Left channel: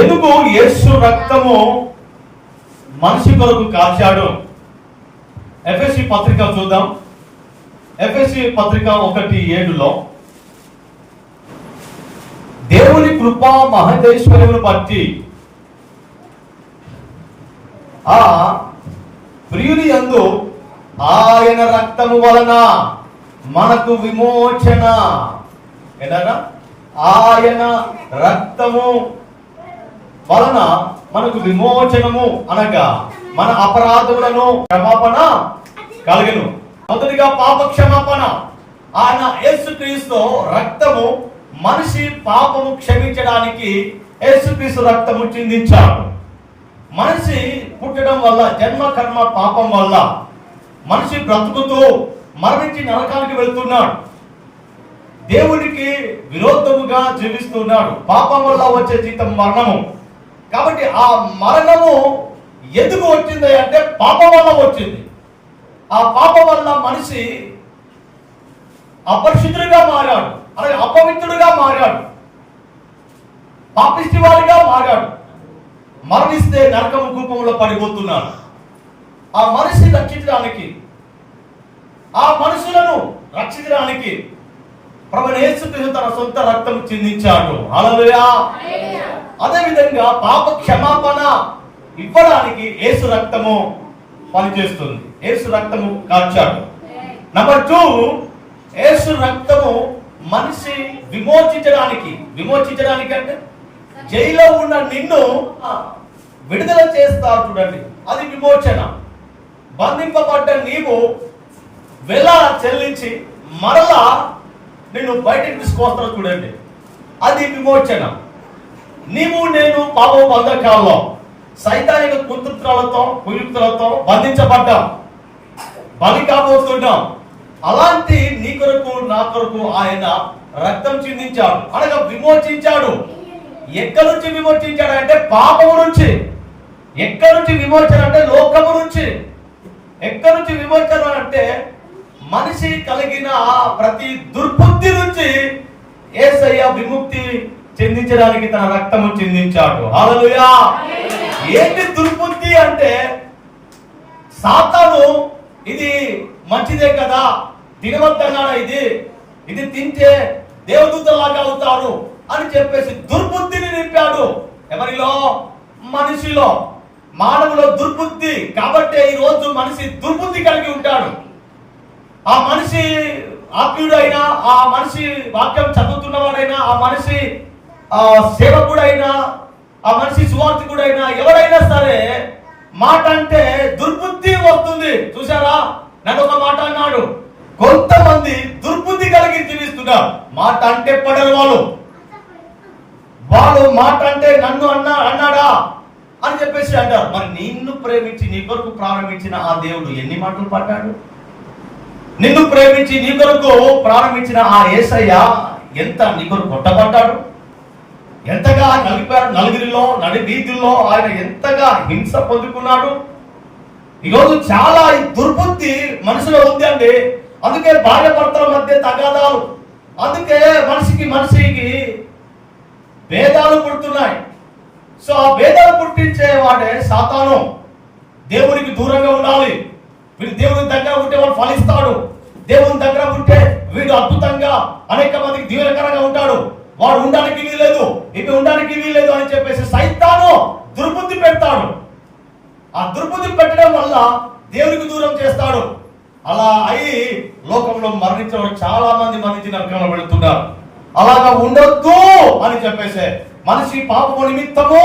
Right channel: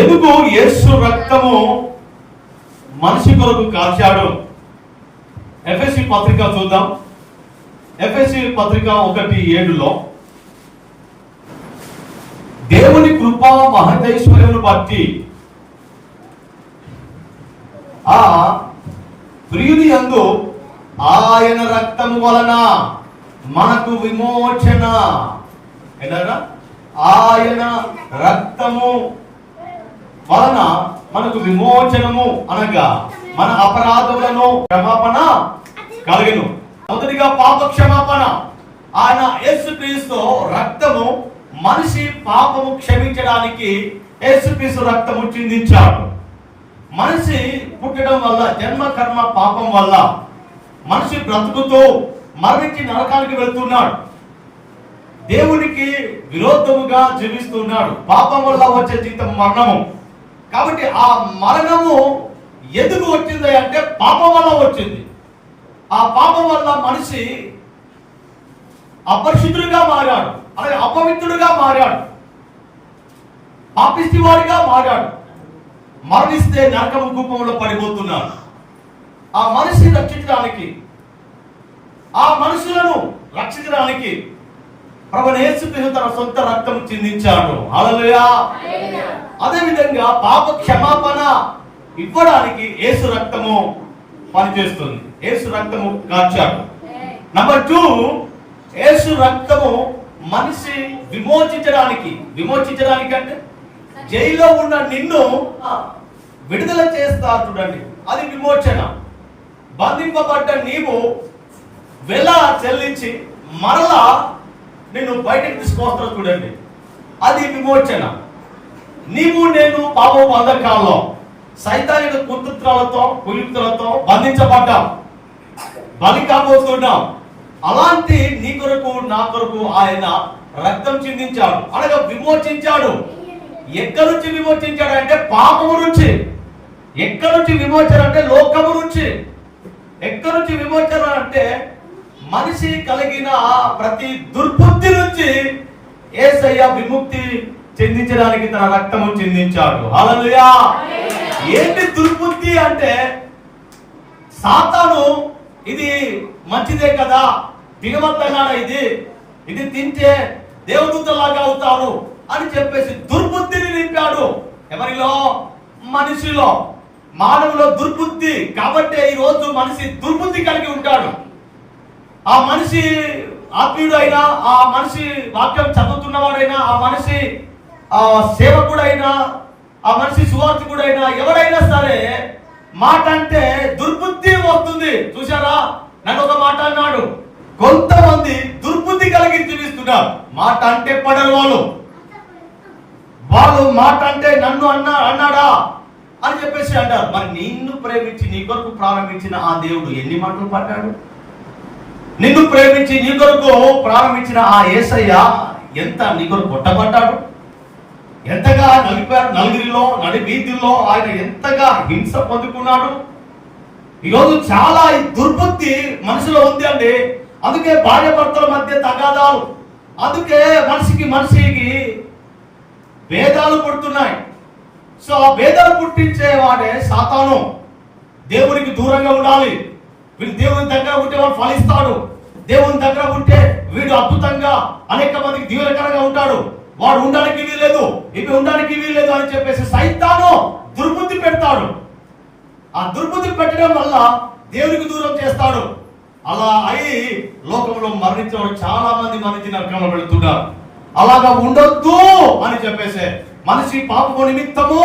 ఎందుకు యేసు రక్తము మనిషి కొరకు కాచాడు? ఎఫ్ఎస్సి పత్రిక చూద్దాం. ఎఫ్ఎస్సి పత్రిక ఒకటి ఏడులో దేవుని కృపా మహదేశ్వరుని బట్టి ఆ ప్రియుని యందు ఆయన రక్తము వలన మనకు విమోచన. ఏదన్నా ఆయన రక్తము వలన మనకు విమోచనము అనగా మన అపరాధములను క్షమాపణ కలగను. మొదటిగా పాప క్షమాపణ ఆయన యేసుక్రీస్తు రక్తము మనిషి పాపము క్షమించడానికి యేసుక్రీస్తు రక్తము చిందించాడు. మనిషి పుట్టడం వల్ల జన్మ కర్మ పాపం వల్ల మనిషి బ్రతుకుతూ మరణించి నరకానికి వెళ్తున్నాడు. దేవునికి విరోధముగా జీవిస్తున్నాడు. పాపం వల్ల వచ్చే జీతం మరణము. కాబట్టి ఆ మరణము ఎందుకు వచ్చింది అంటే పాపం వల్ల వచ్చింది. ఆ పాపం వల్ల మనిషి అపరిశుద్ధుడిగా మారాడు. అలాగే అపవిత్రుడిగా మారాడు. పాపిష్టి వాడిగా మారాడు. మరణిస్తే నరకము కూపంలో పడిపోతున్నాడు. ఆ మనిషి రక్షించడానికి ఆ మనుషులను రక్షించడానికి ప్రభు యేసుక్రీస్తు తన సొంత రక్తం చిందించాడు. అలలుయా అదే విధంగా పాప క్షమాపణ ఇవ్వడానికి యేసు రక్తము పనిచేస్తుంది. యేసు రక్తము కాచాడు. నంబర్ టూ యేసు రక్తము మనిషి విమోచించడానికి. విమోచించడానికి అంటే జైల్లో ఉన్న నిన్ను విడుదల చేస్తారు చూడండి. అది విమోచన. బంధింపబడ్డ నీవు వెల చెల్లించి మరలా నేను బయటకు తీసుకొస్తాను చూడండి. అది విమోచన. నీవు నేను పాప బంధకాల్లో సైతానిక కుతృత్వాలతో కుయుక్తులతో బంధించబడ్డాం. బలి కాబోతున్నాం అలాంటి నీ కొరకు నా కొరకు ఆయన రక్తం చిందించాడు. అనగా విమోచించాడు. ఎక్కడి నుంచి విమోచించాడు అంటే పాపము నుంచి. ఎక్కడి నుంచి విమోచన అంటే లోకము నుంచి. ఎక్కడి నుంచి విమోచన అంటే మనిషి కలిగిన ఆ ప్రతి దుర్బుద్ధి నుంచి ఏసయ్య విముక్తి చెందించడానికి తన రక్తము చెందించాడు. అలలుయా ఏంటి దుర్బుద్ధి అంటే సాతాను ఇది మంచిదే కదా తినవద్దన్నాడా ఇది? ఇది తింటే దేవదూతలాగా అవుతారు అని చెప్పేసి దుర్బుద్ధిని నింపాడు. ఎవరిలో? మనిషిలో. మానవులో దుర్బుద్ధి కాబట్టి ఈ రోజు మనిషి దుర్బుద్ధి కలిగి ఉంటాడు. ఆ మనిషి ఆత్మీయుడైనా ఆ మనిషి వాక్యం చదువుతున్నవాడైనా ఆ మనిషి ఆ సేవకుడైనా ఆ మనిషి సువార్థకుడైనా ఎవరైనా సరే మాట అంటే దుర్బుద్ధి వస్తుంది. చూసారా నన్ను ఒక మాట అన్నాడు. కొంతమంది దుర్బుద్ధి కలిగి జీవిస్తున్నారు. మాట అంటే పడలు వాళ్ళు వాళ్ళు మాట అంటే నన్ను అన్నా అన్నాడా? అని చెప్పేసి అంటారు. మరి నిన్ను ప్రేమించి నీ కొరకు ప్రారంభించిన ఆ దేవుడు ఎన్ని మాటలు పడ్డాడు నిన్ను ప్రేమించి నీ కొరకు ప్రారంభించిన ఆ యేసయ్య ఎంత నీ కొరకు కొట్టబడ్డాడు? ఎంతగా నలిపారు నలుగురిలో నడి వీధుల్లో ఆయన ఎంతగా హింస పొందుకున్నాడు? ఈరోజు చాలా దుర్బుద్ధి మనిషిలో ఉంది అండి. అందుకే భార్య భర్తల మధ్య తగాదాలు అందుకే మనిషికి మనిషికి భేదాలు పుడుతున్నాయి. సో ఆ భేదాలు పుట్టించే వాడే సాతాను. దేవునికి దూరంగా ఉండాలి. వీళ్ళు దేవుని దగ్గర ఉంటే వాడు ఫలిస్తాడు. దేవుని దగ్గర ఉంటే వీడు అద్భుతంగా అనేక మందికి దీవెనకరంగా ఉంటాడు. వాడు ఉండడానికి వీలేదు ఇవి ఉండడానికి వీలేదు అని చెప్పేసి సైతాను దుర్బుద్ధి పెడతాడు. ఆ దుర్బుద్ధి పెట్టడం వల్ల దేవునికి దూరం చేస్తాడు. అలా అయి లోకంలో మరణించిన చాలా మంది మరణించిన నరకంలో పెడుతున్నారు అలాగా ఉండొద్దు అని చెప్పేసి మనిషి పాపము నిమిత్తము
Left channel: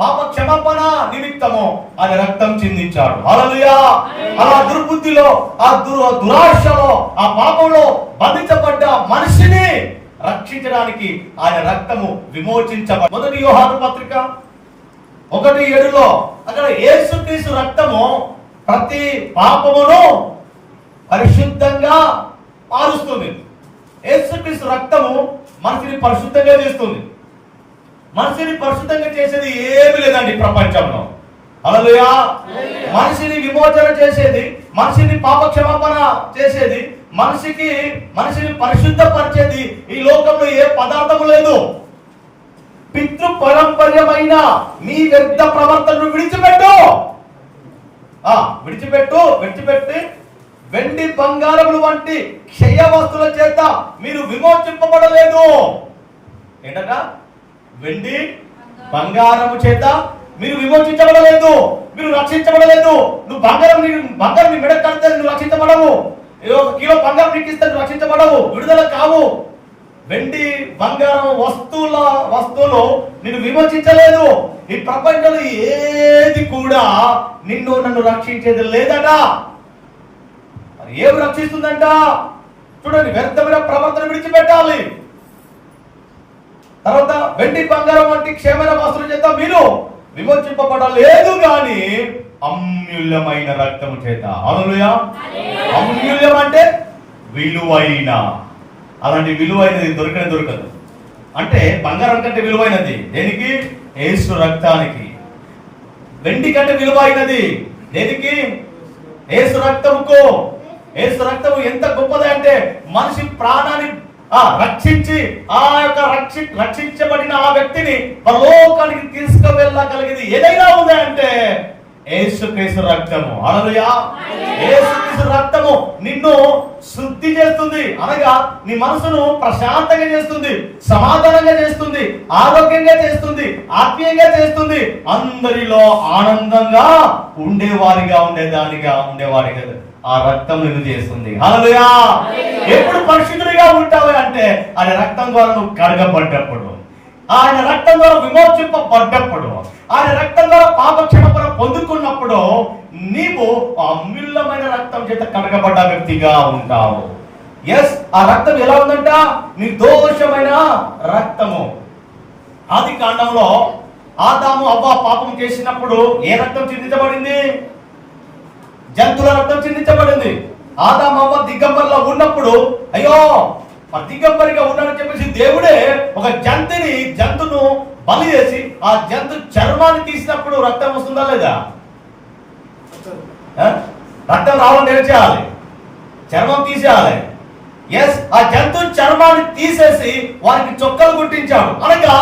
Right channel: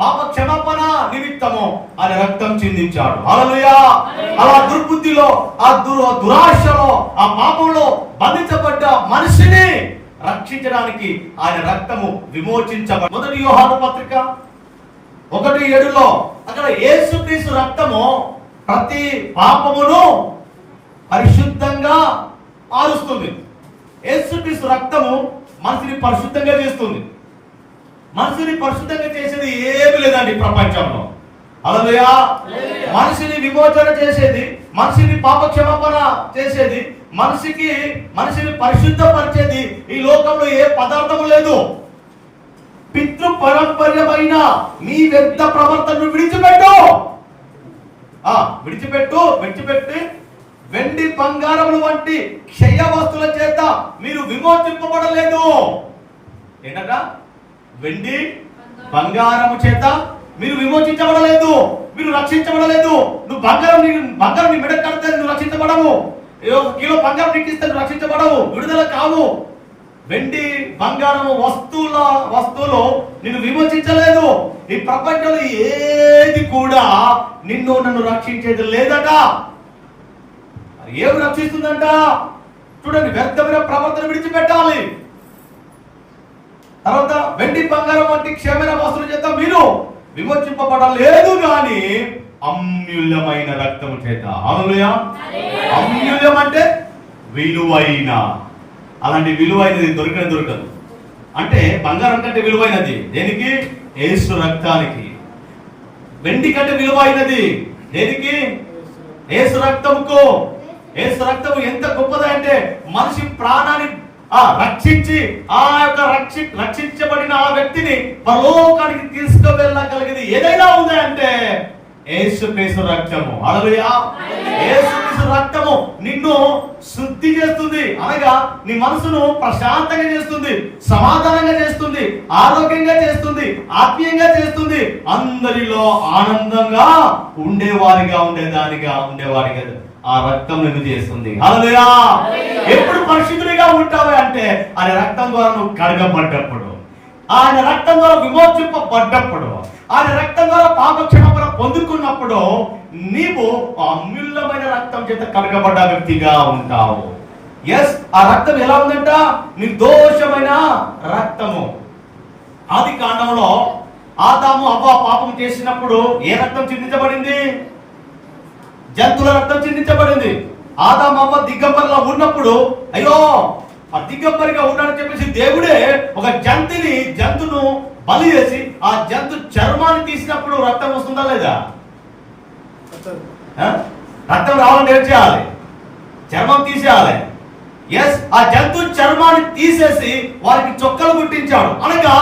పాప క్షమాపణ నిమిత్తము ఆయన రక్తం చిందించాడు. హల్లెలూయా! అలా దుర్బుద్ధిలో ఆ దు దురాశలో ఆ పాపంలో బంధించబడ్డ మనిషిని రక్షించడానికి ఆయన రక్తము విమోచించబడి మొదటి యోహాను పత్రిక ఒకటి ఏడులో అక్కడ యేసుక్రీస్తు రక్తము ప్రతి పాపమును పరిశుద్ధంగా మారుస్తుంది. యేసుక్రీస్తు రక్తము మనిషిని పరిశుద్ధంగా చేస్తుంది. మనిషిని పరిశుద్ధంగా చేసేది ఏమి లేదండి ప్రపంచంలో. అలలుయా మనిషిని విమోచన చేసేది మనిషిని పాప క్షమాపణ చేసేది మనిషికి మనిషిని పరిశుద్ధపరిచేది ఈ లోకంలో ఏ పదార్థము లేదు. పితృ పరంపర్యమైన మీ వ్యర్థ ప్రవర్తనను విడిచిపెట్టు. ఆ విడిచిపెట్టు విడిచిపెట్టి వెండి బంగారములు వంటి క్షయ వస్తువుల చేత మీరు విమోచింపబడలేదు. ఏంటట? వెండి బంగారము చేత మీరు విమోచించబడలేదు. మీరు రక్షించబడలేదు. నువ్వు బంగారం నీ- బంగారం నీ మెడ కడితే నువ్వు రక్షించబడవు. ఏదో ఒక కిలో బంగారం నీకు ఇస్తే నువ్వు రక్షించబడవు. విడుదల కావు. వెండి బంగారం వస్తువుల వస్తువులు నిన్ను విమోచించలేదు. ఈ ప్రపంచంలో ఏది కూడా నిన్ను నన్ను రక్షించేది లేదట. ఏం ఏమి రక్షిస్తుందంట? చూడండి వ్యర్థమైన ప్రవర్తన విడిచిపెట్టాలి. తర్వాత వెండి బంగారం వంటి క్షేమైన వస్తువుల చేత మీరు విమోచింపబడలేదు గాని అమ్యూల్యమైన రక్తం చేత. అవునుయా అమ్యూల్యం అంటే విలువైన. అలాంటి విలువైనది దొరికిన దొరకదు. అంటే బంగారం కంటే విలువైనది. దేనికి? ఏసు రక్తానికి. వెండి కంటే విలువైనది. దేనికి? ఏసు రక్తముకు. ఏసు రక్తము ఎంత గొప్పది అంటే మనిషి ప్రాణాన్ని ఆ రక్షించి ఆ యొక్క రక్షి రక్షించబడిన ఆ వ్యక్తిని పరలోకానికి తీసుకువెళ్ళగలిగేది ఏదైనా ఉంది అంటే ఏసుక్రీస్తు రక్తము. అలలుయా ఏసుక్రీస్తు రక్తము నిన్ను శుద్ధి చేస్తుంది. అనగా నీ మనసును ప్రశాంతంగా చేస్తుంది సమాధానంగా చేస్తుంది ఆరోగ్యంగా చేస్తుంది ఆత్మీయంగా చేస్తుంది. అందరిలో ఆనందంగా ఉండేవారిగా ఉండేదానిగా ఉండేవారిగా. ఆ రక్తం నిన్ను చేస్తుంది హల్లెలూయా! ఎప్పుడు పరిశుద్ధుడిగా ఉంటావు అంటే ఆయన రక్తం ద్వారా నువ్వు కడగబడ్డప్పుడు ఆయన రక్తం ద్వారా విమోచింపబడ్డప్పుడు ఆయన రక్తం ద్వారా పాప క్షమాపణ పొందుకున్నప్పుడు నీవు అమూల్యమైన రక్తం చేత కడగబడ్డ వ్యక్తిగా ఉంటావు. ఎస్ ఆ రక్తం ఎలా ఉందంట? నిర్దోషమైన రక్తము. ఆది కాండంలో ఆదాము అవ్వ పాపం చేసినప్పుడు ఏ రక్తం చిందించబడింది? జంతువుల రక్తం చిందించబడింది. ఆదాము అవ్వ దిగంబరిలో ఉన్నప్పుడు అయ్యో ఆ దిగంబరిగా ఉన్నాడని చెప్పేసి దేవుడే ఒక జంతుని జంతును బలి చేసి ఆ జంతు చర్మాన్ని తీసినప్పుడు రక్తం వస్తుందా లేదా? రక్తం రావాలని ఏం చేయాలి? చర్మం తీసేయాలి. ఎస్ ఆ జంతు చర్మాన్ని తీసేసి వారికి చొక్కలు కుట్టించాడు అనగా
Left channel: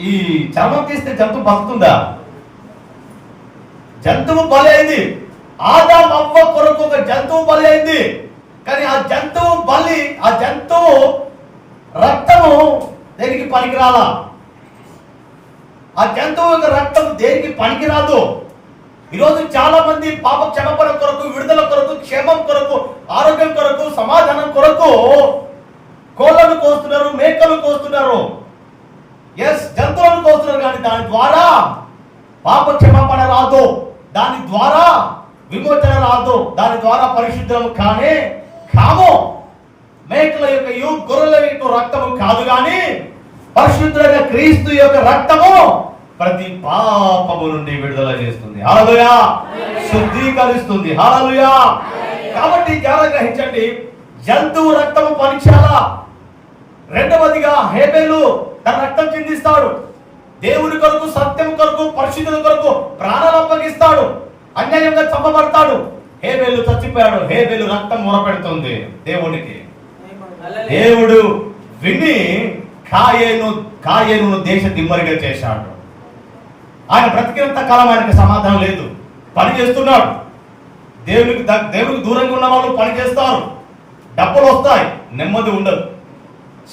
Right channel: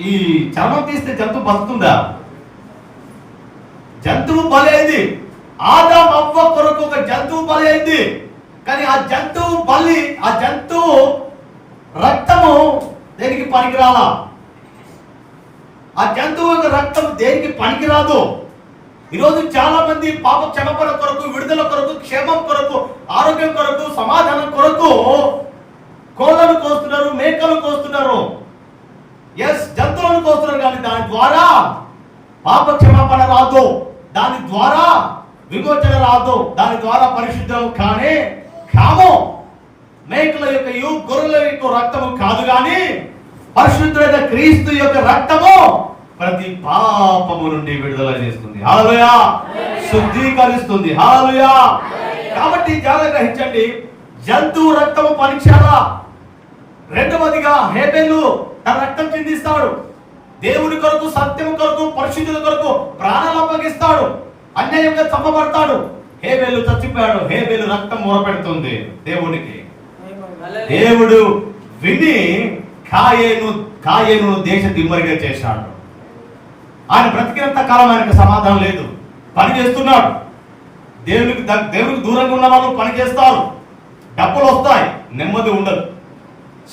ఈ చర్మం తీస్తే జంతు బతుకుతుందా? జంతువు బలి అయింది. ఆదాం అవ్వ కొరకు ఒక జంతువు బలి అయింది. కానీ ఆ జంతువు బలి ఆ జంతువు రక్తము దేనికి పనికిరాలా? ఆ జంతువు రక్తం దేనికి పనికిరాదు? ఈరోజు చాలా మంది పాప క్షమపడ కొరకు విడుదల కొరకు క్షేమం కొరకు ఆరోగ్యం కొరకు సమాధానం కొరకు కోళ్ళను కోస్తున్నారు మేకలు కోస్తున్నారు. ఎస్ జంతువులను కోస్తున్నారు కానీ దాని ద్వారా పాప క్షమాపణ రాదు. దాని ద్వారా విమోచన రాదు. దాని ద్వారా పరిశుద్ధం కానే కాము. మేకల యొక్క యు గొర్రెల యొక్క రక్తము కాదు కానీ పరిశుద్ధుడైన క్రీస్తు యొక్క రక్తము ప్రతి పాపము నుండి విడుదల చేస్తుంది. హాలలుయా శుద్ధీకరిస్తుంది. హాలలుయా కాబట్టి జాగ్రత్త గ్రహించండి. జంతువు రక్తము పరీక్షాలా రెండవదిగా హేబేలు తన రక్తం చిందిస్తాడు. దేవుని కొరకు సత్యం కొరకు పరిశుద్ధుల కొరకు ప్రాణాలు అప్పగిస్తాడు. అన్యాయంగా చంపబడతాడు. హేబేలు చచ్చిపోయాడు. హేబేలు రక్తం మొరపెడుతుంది దేవుడికి దేవుడు విని కాయేను కాయేను దేశ దిమ్మరిగా చేశాడు. ఆయన బ్రతికినంత కాలం ఆయనకు సమాధానం లేదు. పని చేస్తున్నాడు. దేవునికి దేవునికి దూరంగా ఉన్న వాళ్ళు పని చేస్తారు. డబ్బులు వస్తాయి. నెమ్మది ఉండదు.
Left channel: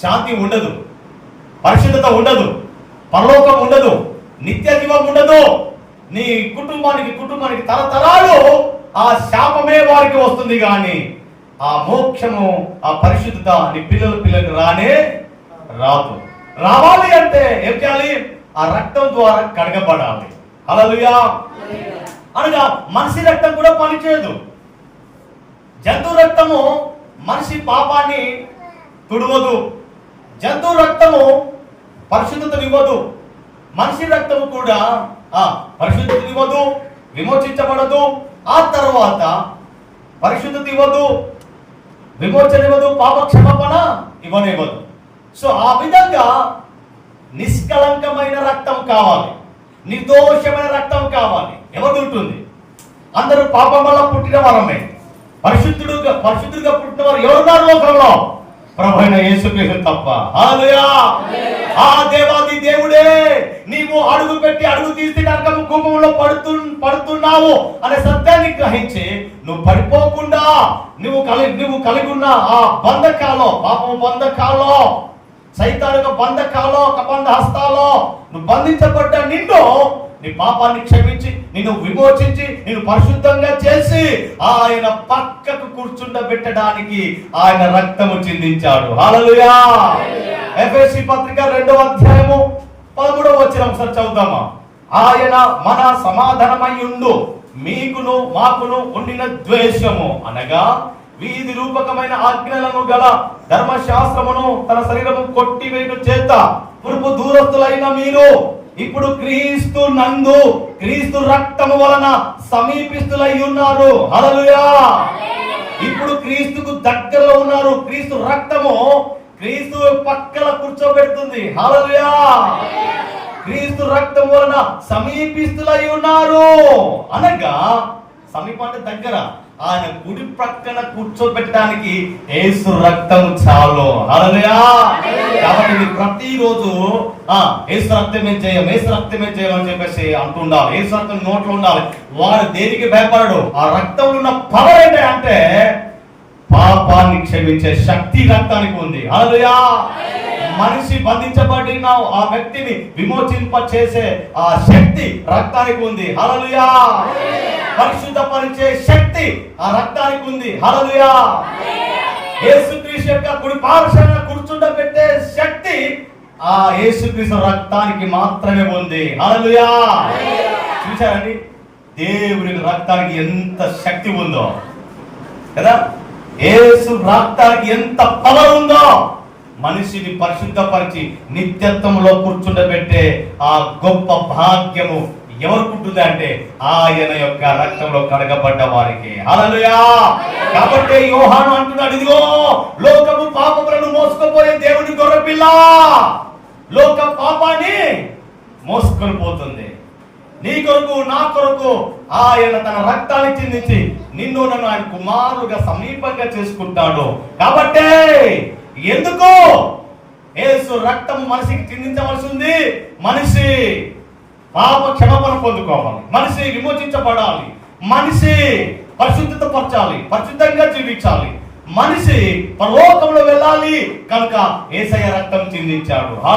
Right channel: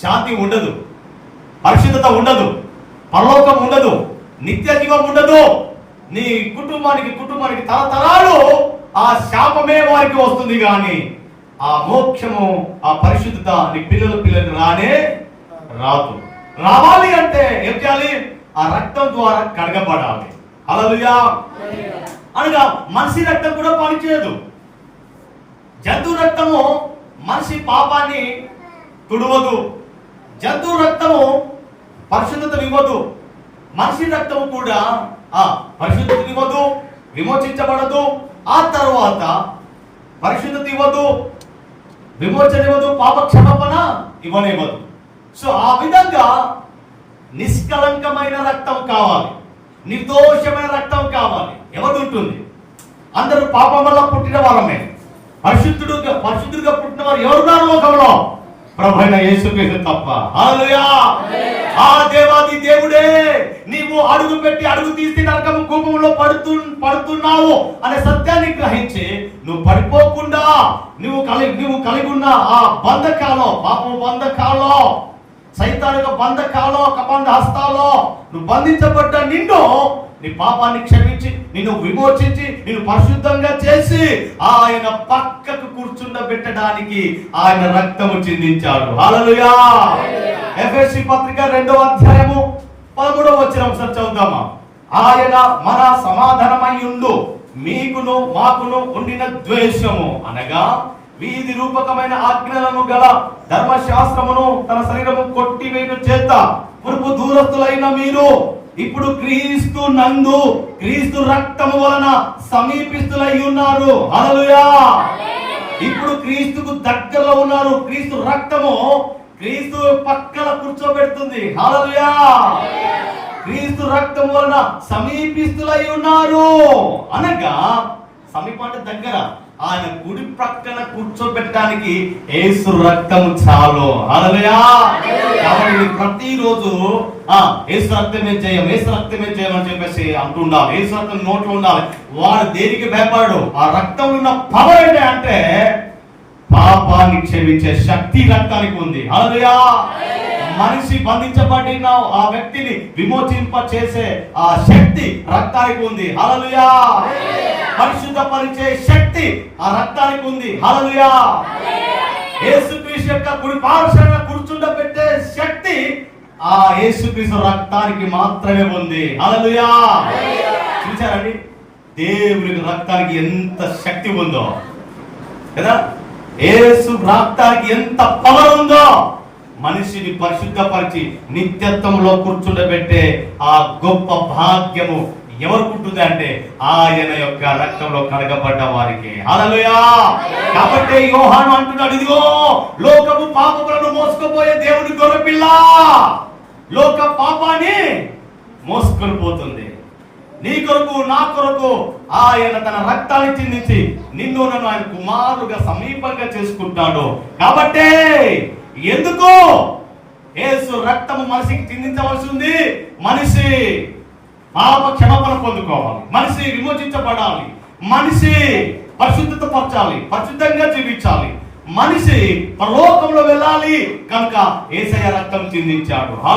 శాంతి ఉండదు. పరిశుద్ధత ఉండదు. పరలోకం ఉండదు. నిత్య జీవం ఉండదు. నీ కుటుంబానికి కుటుంబానికి తరతరాలు ఆ శాపమే వారికి వస్తుంది కానీ ఆ మోక్షము ఆ పరిశుద్ధత నీ పిల్లల పిల్లలు రానే రాదు. రావాలి అంటే ఏం చేయాలి? ఆ రక్తం ద్వారా కడగబడాలి. అలలుయా అనగా మనిషి రక్తం కూడా పనిచేయదు. జంతు రక్తము మనిషి పాపాన్ని తుడవదు. జంతు రక్తము పరిశుద్ధత ఇవ్వదు. మనిషి రక్తము కూడా ఆ పరిశుద్ధత ఇవ్వదు విమోచించబడదు. ఆ తర్వాత పరిశుద్ధత ఇవ్వదు విమోచన ఇవ్వదు పాపక్షమాపణ ఇవ్వనివ్వదు. సో ఆ విధంగా నిష్కలంకమైన రక్తం కావాలి. నిర్దోషమైన రక్తం కావాలి. ఎవరు ఉంటుంది అందరూ పాపం వల్ల పుట్టిన వరమే. పరిశుద్ధుడుగా పరిశుద్ధుడిగా పుట్టిన వారు ఎవరున్నారు లోకంలో? ప్రభు అయిన యేసుక్రీస్తు తప్ప. ఆ దేవాది అడుగు పెట్టి అడుగు తీస్తే నరకం కూపంలో పడుతు పడుతున్నావు అనే సత్యాన్ని గ్రహించి నువ్వు పడిపోకుండా నువ్వు కలిగి నువ్వు కలిగి ఉన్న ఆ బంధకాలో పాపం బంధకాలో సైతానిక బంధకాలో కబంధ హస్తాలో నువ్వు బంధించబడ్డ నిన్ను నీ పాపాన్ని క్షమించి నిన్ను విమోచించి నిన్ను పరిశుద్ధంగా చేసి ఆయన పక్కకు కూర్చుండబెట్టడానికి ఆయన రక్తము చిందించాడు. హల్లెలూయా! ఎఫ్ఎస్సి పత్రిక రెండవ అధ్యాయము పదమూడవ వచ్చిన ఒకసారి చదువుదామా ఆయన మన సమాధానమై ఉండు. మీకును మాకును ఉండిన ద్వేషము. అనగా వీధి రూపకమైన ఆజ్ఞలను గల ధర్మశాస్త్రమును తన శరీరము కొట్టివేయట చేత పురుపు దూరస్తులైన మీరు ఇప్పుడు క్రీస్తు నందు క్రీస్తు రక్తము వలన సమీపిస్తులై ఉన్నారు. హల్లెలూయా! ఇప్పుడు క్రీస్తుకు దగ్గరలో ఉన్నారు. క్రీస్తు రక్తము క్రీస్తు పక్కన కూర్చోబెడుతుంది. హలలుయా క్రీస్తు రక్తం వలన సమీపిస్తులై ఉన్నారు. అనగా సమీప అంటే దగ్గర ఆయన కుడి ప్రక్కన కూర్చోబెట్టడానికి ఏసు రక్తం చాలు. హల్లెలూయా. కాబట్టి ప్రతిరోజు ఆ ఏసు రక్తమే చేయం ఏసు రక్తమే చేయం అని చెప్పేసి అంటుండాలి. ఏసు రక్తం నోట్లో ఉండాలి. వాడు దేనికి భయపడడు ఆ రక్తం ఉన్న పవర్ ఏంటంటే అంటే పాపాన్ని క్షమించే శక్తి రక్తానికి ఉంది మనిషి బంధించబడిన ఆ వ్యక్తిని విమోచింప చేసే ఆ శక్తి రక్తానికి ఉంది హల్లెలూయా పరిశుద్ధపరిచే శక్తి ఆ రక్తానికి ఉంది హల్లెలూయా యేసుక్రీస్తు యొక్క కుడి పార్శ్వన కూర్చుండబెట్టే శక్తి ఆ యేసుక్రీస్తు రక్తానికి మాత్రమే ఉంది హల్లెలూయా చూసారండి దేవుని రక్తానికి ఎంత శక్తి ఉందో. కదా? యేసు రక్తానికి ఎంత పవర్ ఉందో మనిషిని పరిశుద్ధపరిచి నిత్యత్వంలో కూర్చుండబెట్టే ఆ గొప్ప భాగ్యము ఎవరుకుంటుంది అంటే ఆయన యొక్క రక్తంలో కడగబడ్డ వారికి. అలలుయా కాబట్టి యోహాను అంటున్నాడు ఇదిగో లోకము పాపములను మోసుకుపోయే దేవుని గొర్రెపిల్ల లోక పాపాన్ని మోసుకొని పోతుంది. నీ కొరకు నా కొరకు ఆయన తన రక్తాన్ని చిందించి నిన్ను నన్ను ఆయన కుమారుగా సమీపంగా చేసుకుంటాడు. కాబట్టే ఎందుకో ఏసు రక్తము మనిషికి చిందించవలసి ఉంది. మనిషి పాప క్షమాపణ పొందుకోవాలి. మనిషి విమోచించబడాలి. మనిషి పరిశుద్ధత పరచాలి పరిశుద్ధంగా జీవించాలి. మనిషి పరలోకంలో వెళ్ళాలి. కనుక ఏసయ్య రక్తం చిందించాడు.